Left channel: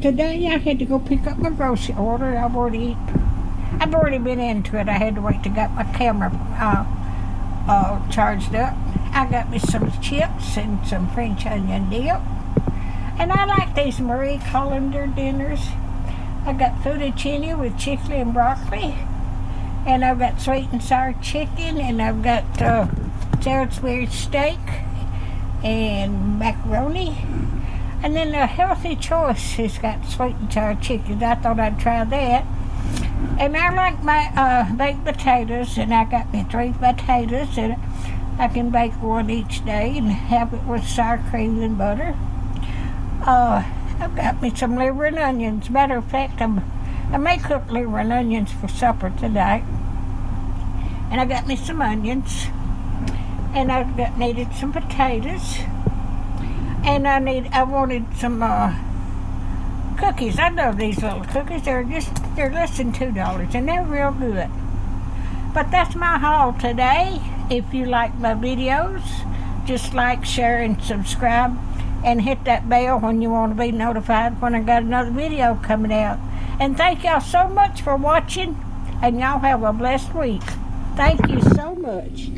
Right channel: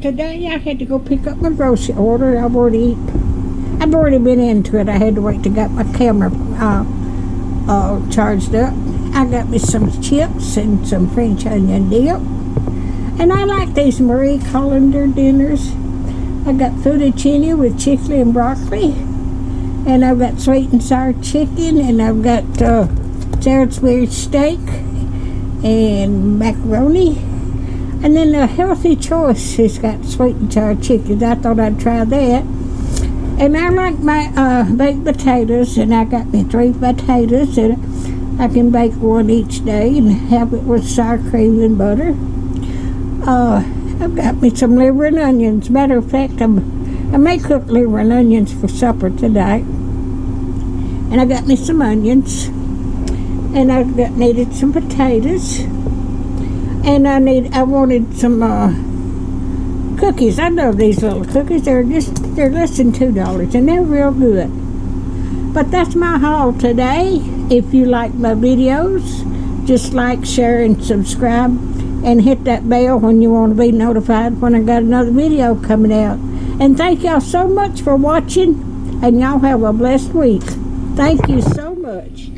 Today I had to go pick up my grocery order. I've already been into it. I had to wait to get my camera charged up. I got me some chips and some French onion dip. And I like these Marie Callender dinners. I got fettuccine with chicken and broccoli. And I've got sweet and sour chicken. And I've got Salisbury steak and macaroni. And then a healthy choice has got sweet and sour chicken. I thought I'd try that. And I like my baked potatoes. And I got me 3 potatoes. And I can bake one each day and have it with sour cream and butter. I've got me some liver and onions. Matter of fact, I may cook liver and onions for supper tonight. And I got me some onions. And needed some potatoes. And I wanted some cookies. I love these little cookies. They're less than $2, and they're real good. But that's my haul today. If you like my videos, just like, share, and subscribe. And hit that bell when you want to be notified when I got another video coming out. And thank y'all so much for watching. And y'all have a blessed week. Thank you so much.